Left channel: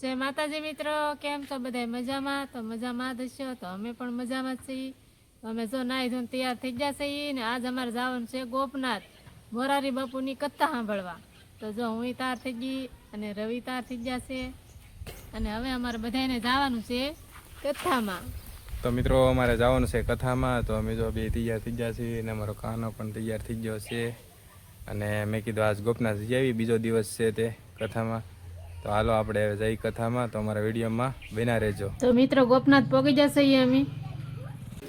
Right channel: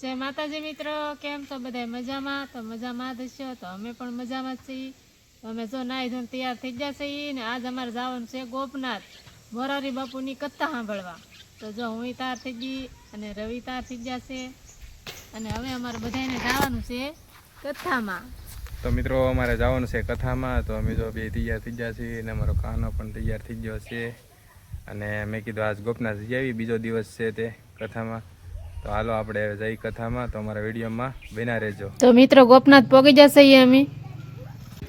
જય માતાજી મિત્રો, કેમ છો બધા? મજામાં? તો મજામાં જ હશો. તો અમે પણ મજામાં જ છીએ. અમે જો નાઈ ધોઈને તૈયાર થઈ ગયા છીએ ને આજ અમારે જવાનું છે ગોપનાથ મોરારી બાપુની કથા સાંભળવા. તો જો હું તૈયાર થઈ ગઈ અને રવિ તૈયાર થઈ ગયા છે અને હવે અમારે બધાને જવાનું છે કથામાં. તો મિત્રો અમારે જવાનું છે કથામાં. તો અમે જો બે તૈયાર થઈ ગયા છીએ અને અમારો કાનો પણ તૈયાર થઈ ગયો છે અને મેં કીધું આજ ગોપનાથ જઈ આવી, બીજો દિવસ છે તે કથામાં. તો હાલો આપણે જઈ કથામાં. તો અમારા વિડીયોમાં બન્યા રહેજો. તો મિત્રો ગોપનાથ પહોંચી જશે અમે.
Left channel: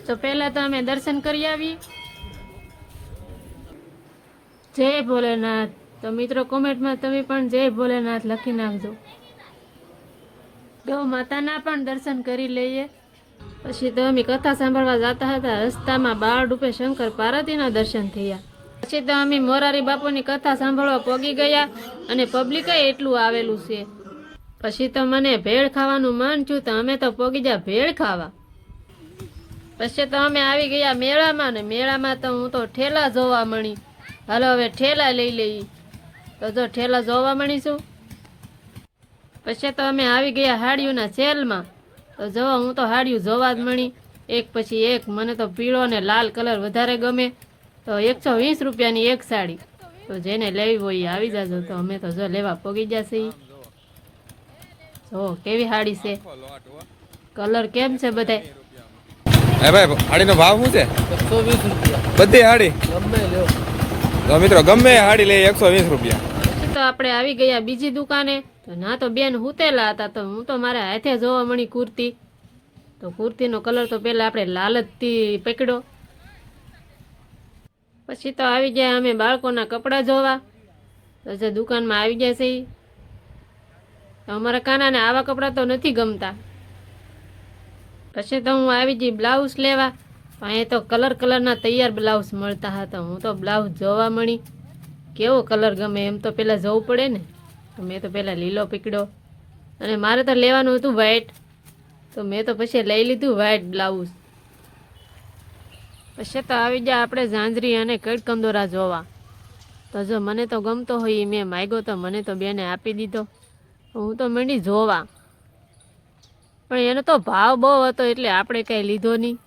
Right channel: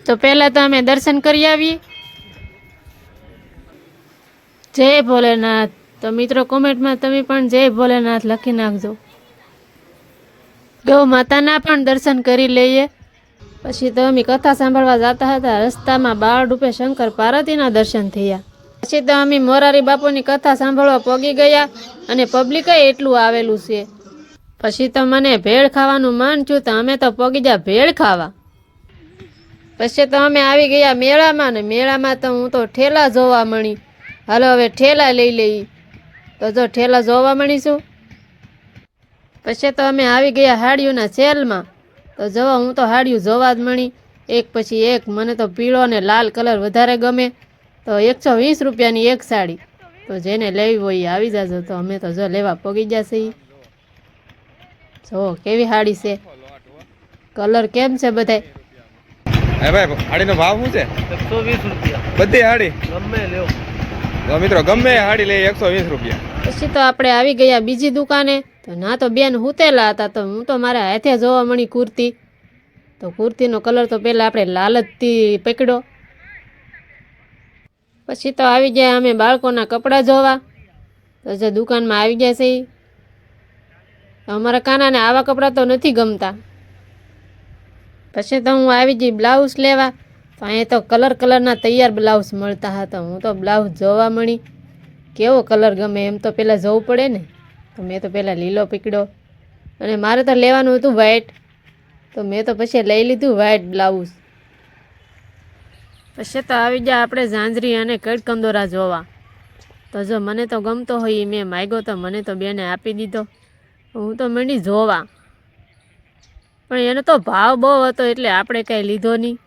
તો પહેલા તો અમે દર્શન કરી આવીએ. જય ભોલેનાથ. તો મિત્રો કોમેન્ટમાં તમે પણ જય ભોલેનાથ લખી નાખજો. ગૌ માતાના પણ દર્શન કરી લઈએ. પછી તો અમે કથા સાંભળવા જતા હતા. રસ્તામાં બાળ રૂપે શંકર પાર્વતીના દર્શન થયા. પછી તો અમે મોરારી બાપુની કથા સાંભળવા પહોંચી ગયા અને પબ્લિકે એટલું આવેલું છે. પછી તો મને ભેળ ખાવાનું મન થયું તો અમે તો પહોંચી ગયા ભેળ ખાવા. પછી તો અમે આવી ગયા મેળામાં ને મેળામાં તો હું તો ઠેલા જોવા મળી. હાલો હવે ઠેલા લઈ લઈ. તો જો ઠેલા જોવા મળીશું. પછી તો અમે આવી ગયા હાડીઓના સેલમાં. તો જોવા હું તો હાડીઓ જોવા જ મળી એક પછી એક. મને તો પીળો અને લાલ કલર વધારે ગમે. તો 120 રૂપિયાની એક સાડી. તો જેને લેવી હોય એ આવી જાજો. તો અમે તો જો લેવા પગી જશે. જો કેવી સાડી છે, કલર કેમ છે બધાય? હે ભાઈ, હાડીનો ભાવ શું છે? 120 રૂપિયા બધી હાડી ગમે લ્યો. તો મિત્રો ગમે હાડી લઈ 120 રૂપિયા. પછી તો આપણે આવી ગયા બીજી દુકાને. તો ના તો બેન હુતેલા હતા. તો હું તો મારા હાથે જોવા મળી કુર્તી. તો કુર્તીનો કલર તો પહેલાં આપણે લાલ જ પકડ્યો. પછી તો આવી ગયા અમે બાળકોના કપડાં જોવા. તો જે દુકાનમાં આવી ગયા છે. અમારા કાનાને આવા કપડાં તો નથી ગમતા. પછી તો હું આવી ગઈ બ્લાઉઝ લેવા. તો અહીંયા તો કલરના તૈયાર બ્લાઉઝ મળતા હતા. હું તો બ્લાઉઝ જોવા મળી કેવો કલર ગમે એમ તો પહેલાં જોવું પડે ને. તો મેં તો પહેલાં લીલો પકડ્યો અને મારે તો લેવાનું હતું વ્હાઈટ. તો મેં તો પછી લઈ લીધું વ્હાઈટ બ્લાઉઝ. પછી તો આવી ગયા આપણે ઝાંઝરી અને કડકંદોરા જોવા. તો જો મને તો ગમતો હોય મેં માગ્યો તો મને તો બેને આપી દીધો. હું તો મંડી જોવા, પણ એનો તો ભાવ બહુ હતો એટલે આપણે કાંઈ લીધો નહીં.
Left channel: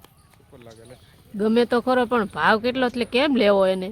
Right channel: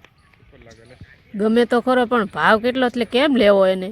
ગમે તો ખરો પણ ભાવ કેટલો એટલે કેમ લેવો એને.